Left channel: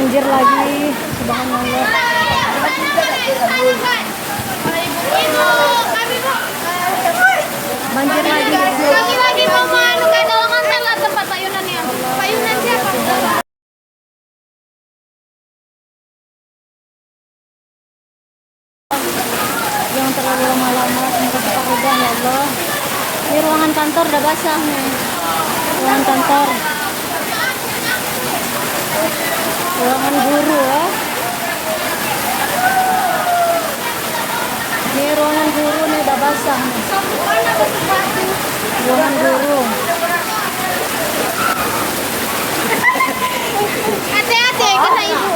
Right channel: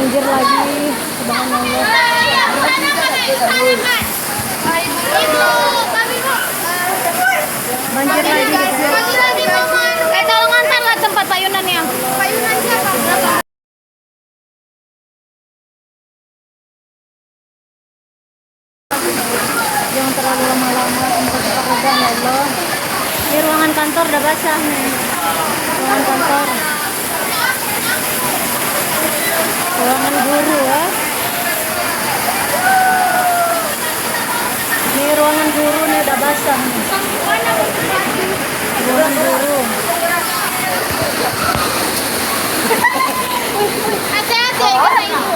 banjir lagi. Subhanallah. Banjir lagi. Lagi mau ngantar lah tempat payunan yang. Payunan siapa? Jangan terlalu lama-lama, semoga cepat reda ya Allah. Ini ruangan kantor udah basah nih. Ruangan kantor. Ruangan guru ya. Ini ruangan guru nih udah basah nih. Ruangan guru. Hati-hati ya kata ibu.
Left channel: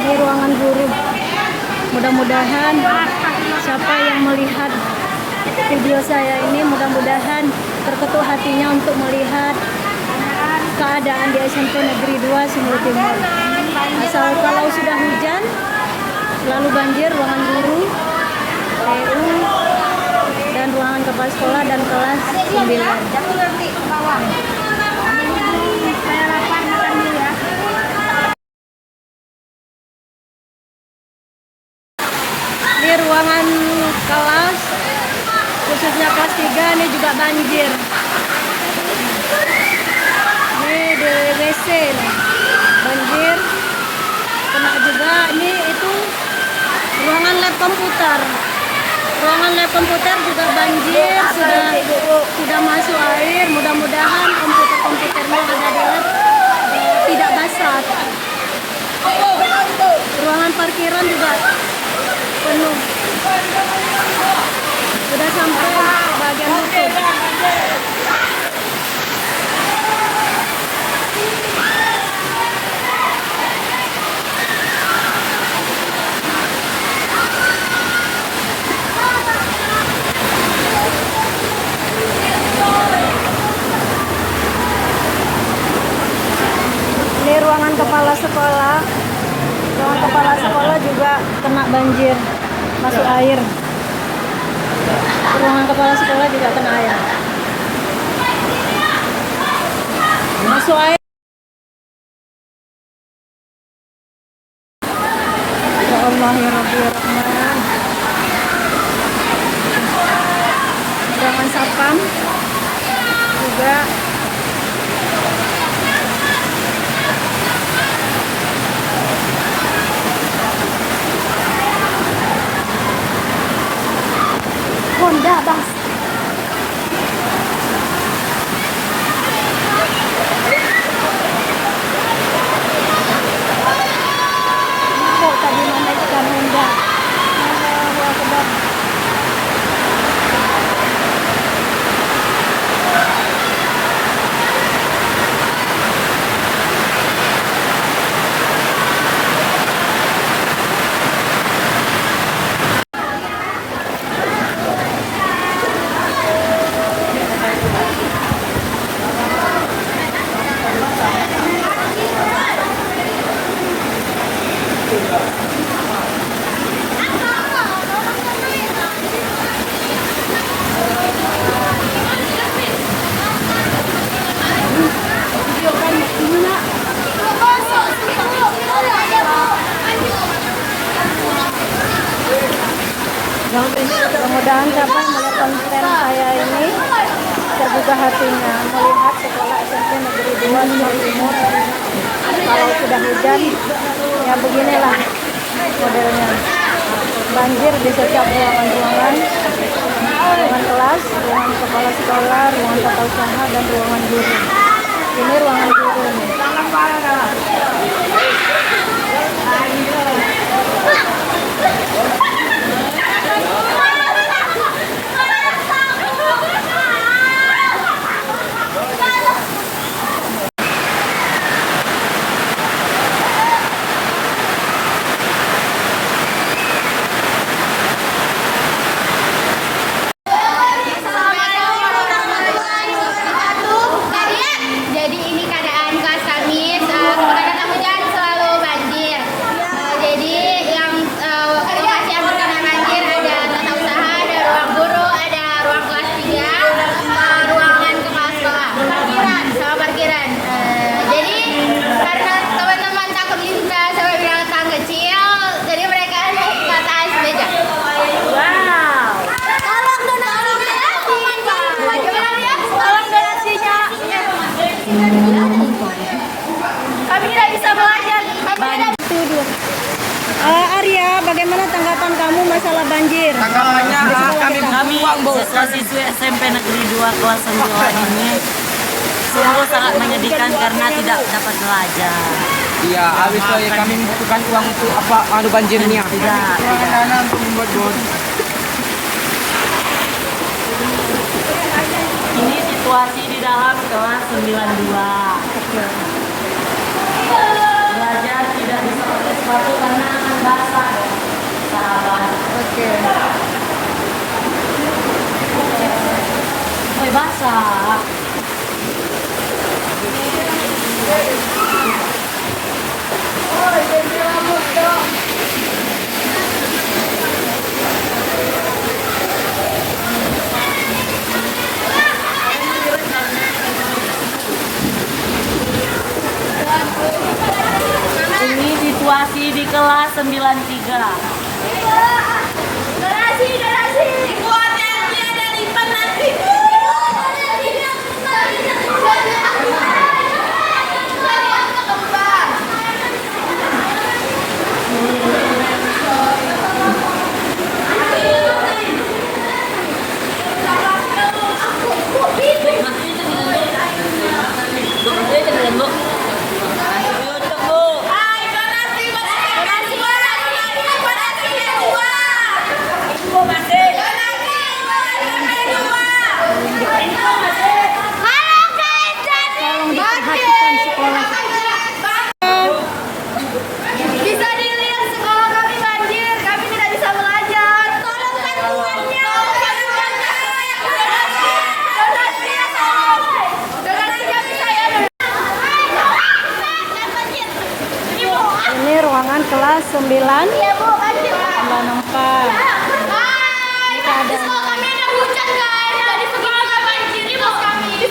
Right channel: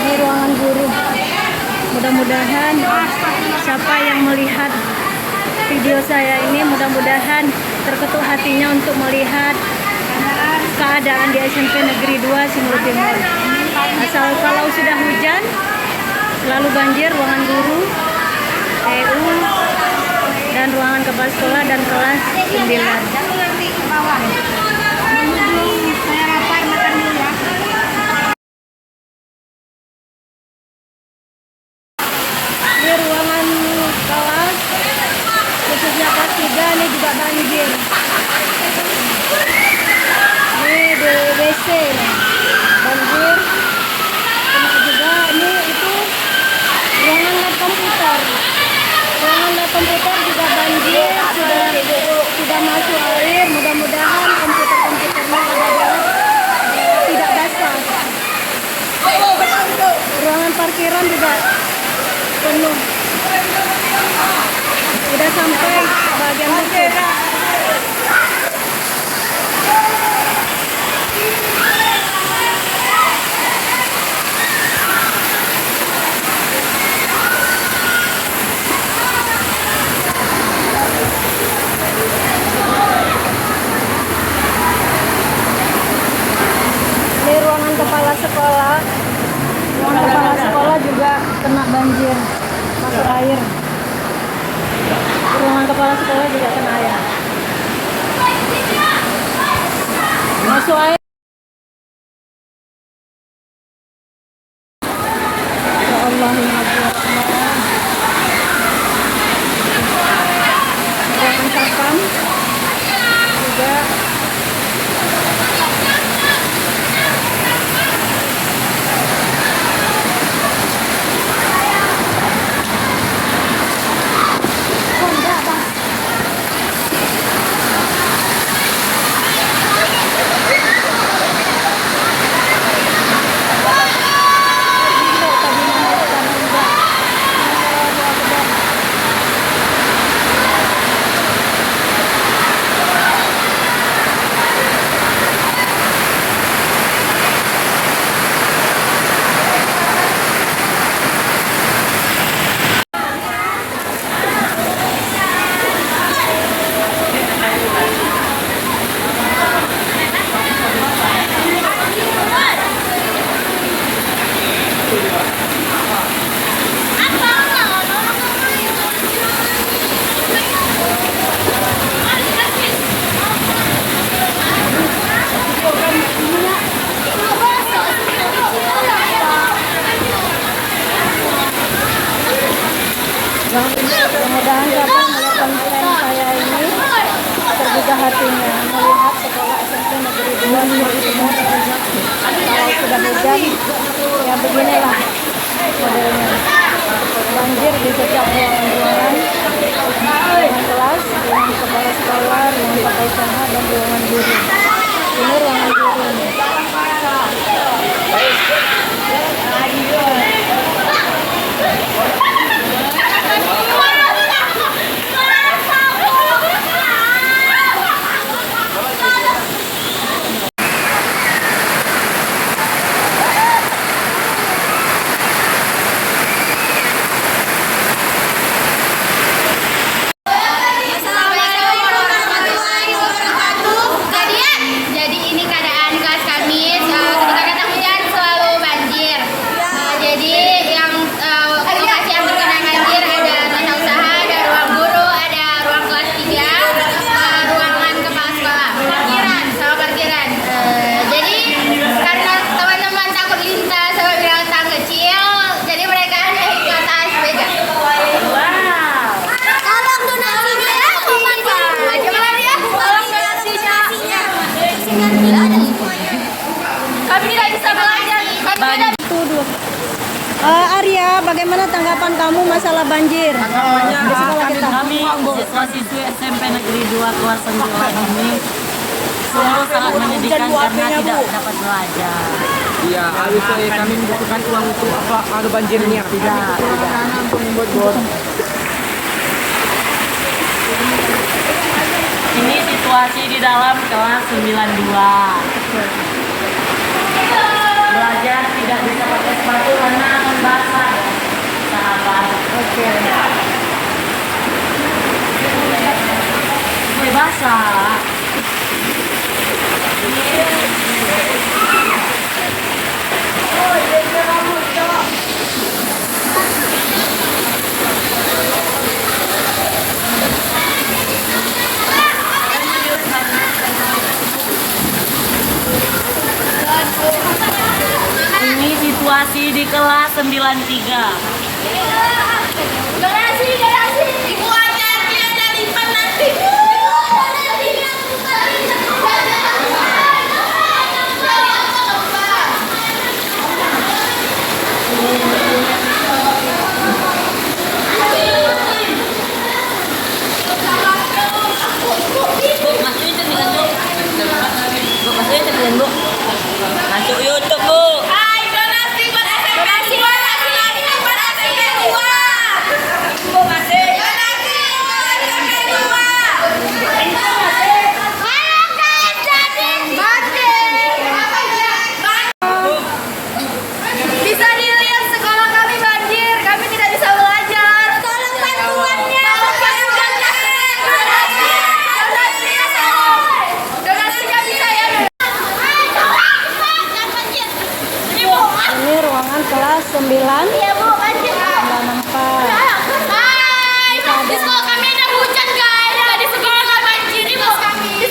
Ini ruangan guru. Mudah-mudahan siapa yang melihat video saya ini mudah-mudahan terketuk hatinya untuk melihat keadaan di SMP Negeri 2 Simulu Timur. Asal kalau sudah hujan selalu banjir ruangan guru, TU, dan ruangan kepala sekolah dan kelas 9. Ini ruangan kelas khususnya kelas 3 ini juga banjir. Ini di WC nih. Banjir. Kena juga ini itu ruangan lab komputer. Ruangan lab komputer juga banjir, sudah masuk air. Mudah-mudahan komputer-komputernya ada di lab tidak basah. Ruangan parkiran juga penuh. Udah sampai bagian lutut. Ini ruangan kepala sekolah. Ruangan kepala sekolah juga kena banjir, masuk air. Ruangan kepala sekolah juga kena air. Masuk air. Ya Allah ya Rabbi ya Rahman. Ruangan sapam juga mudah-mudahan siapa yang melihat konten saya ini tergugah hatinya melihat sekolah SMP Negeri 2 Simulu Timur. Kalau sudah hujan ya beginilah modelnya, banjir di setiap ruangan-ruangan, ruangan kelas, ruangan kepala sekolah, ruangan tata usaha, dan ruangan guru. Ini ruangan guru nih. Jadi ini keadaan kelas kami ketika datang hujan selalu banjir. Jadi yang Kami tidak bisa belajar. Banjir. Itu dua. Arya, bagaimana tanggapan kamu masalah banjir di sekolah kita? Kami siswa-siswi SMP Negeri 2 kelas 9 ini sungguh sangat menyedihkan karena tidak dapat belajar. Iya, habis itu kami membutuhkan uang untuk apa madu banjir ini ya? Tidak. Ini situasi di dalam kelas 92. Belajar tidak bisa pakai sepatu karena akan basah. Sahabat. Oke. Basah. Ini situasi di kelas 93. Garasi. Dikuatkan dia dari nanti. Bisa dilihat sekolah kami banjir, kami tidak bisa belajar. Tolong bantuannya. Donasinya bisa ya. Ini ruangan kelas 9 Iya Bu, banjir. 94. Hai, di sekolah kami ada hujan guys, jadi segini nggak banjir di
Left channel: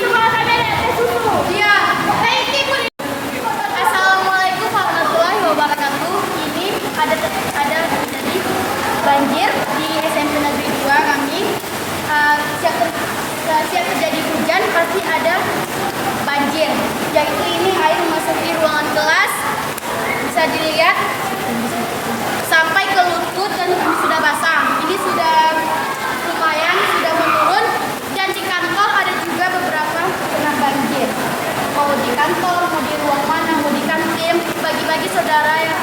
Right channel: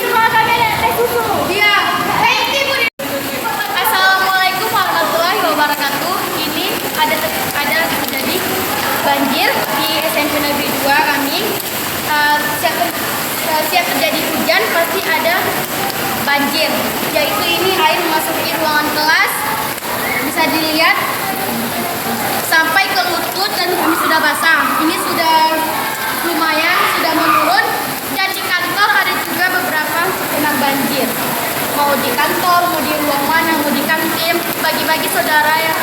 sekolah kami ada teh susu. Iya. Assalamualaikum warahmatullahi wabarakatuh. Ini ada terjadi banjir di SMP Negeri 2 kami. Siap terjadi hujan pasti ada banjir. Yaitu ini air memasuki ruangan kelas. Bisa dilihat sampai ke lutut dan sudah basah. Ini sudah lumayan, sudah menurun. Dan di kantor ada juga beberapa kena banjir. Mau di kantor, mau di ruang mana, mau di kantin, bagi-bagi saudara ya.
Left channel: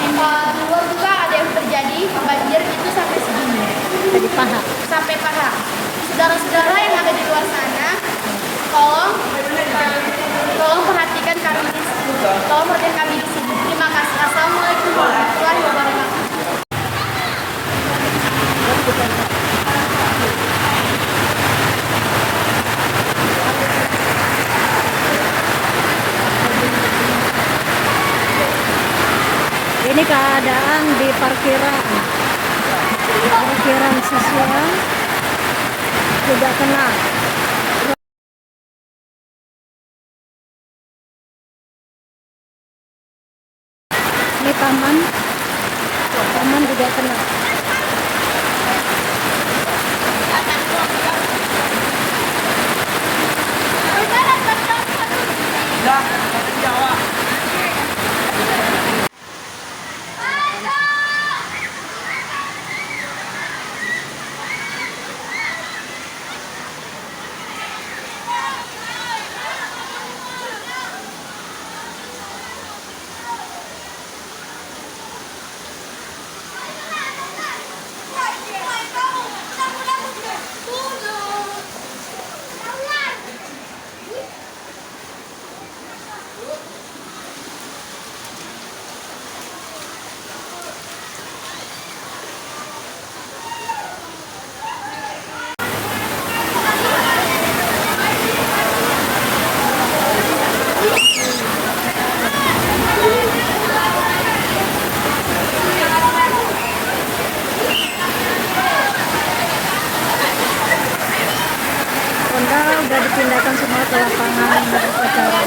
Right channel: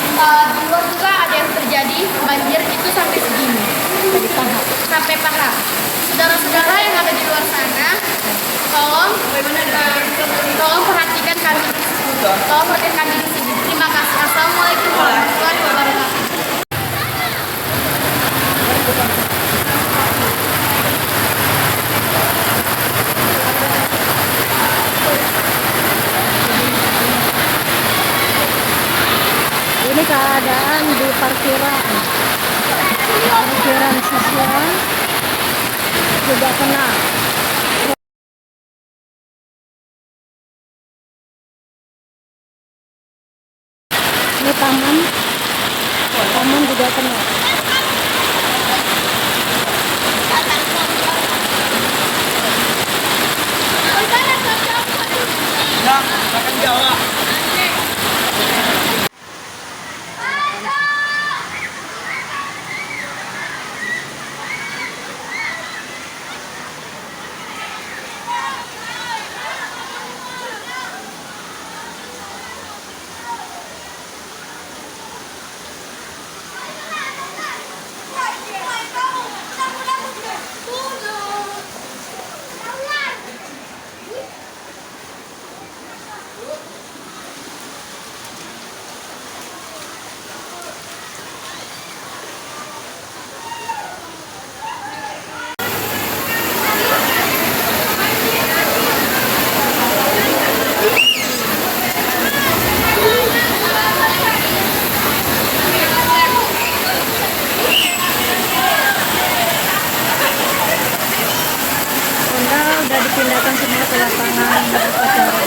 Di luar juga ada yang terjadi banjir itu sampai segini, Tadi paha. sampai paha. Saudara-saudara yang ada di luar sana, tolong perhatikan kami. Tolong perhatikan kami di sini. Terima kasih. Assalamualaikum warahmatullahi wabarakatuh. Ini keadaan di parkiran siswa juga kena. Ini taman juga kena. Honda udah dipindahkan semua ke lapangan upacara.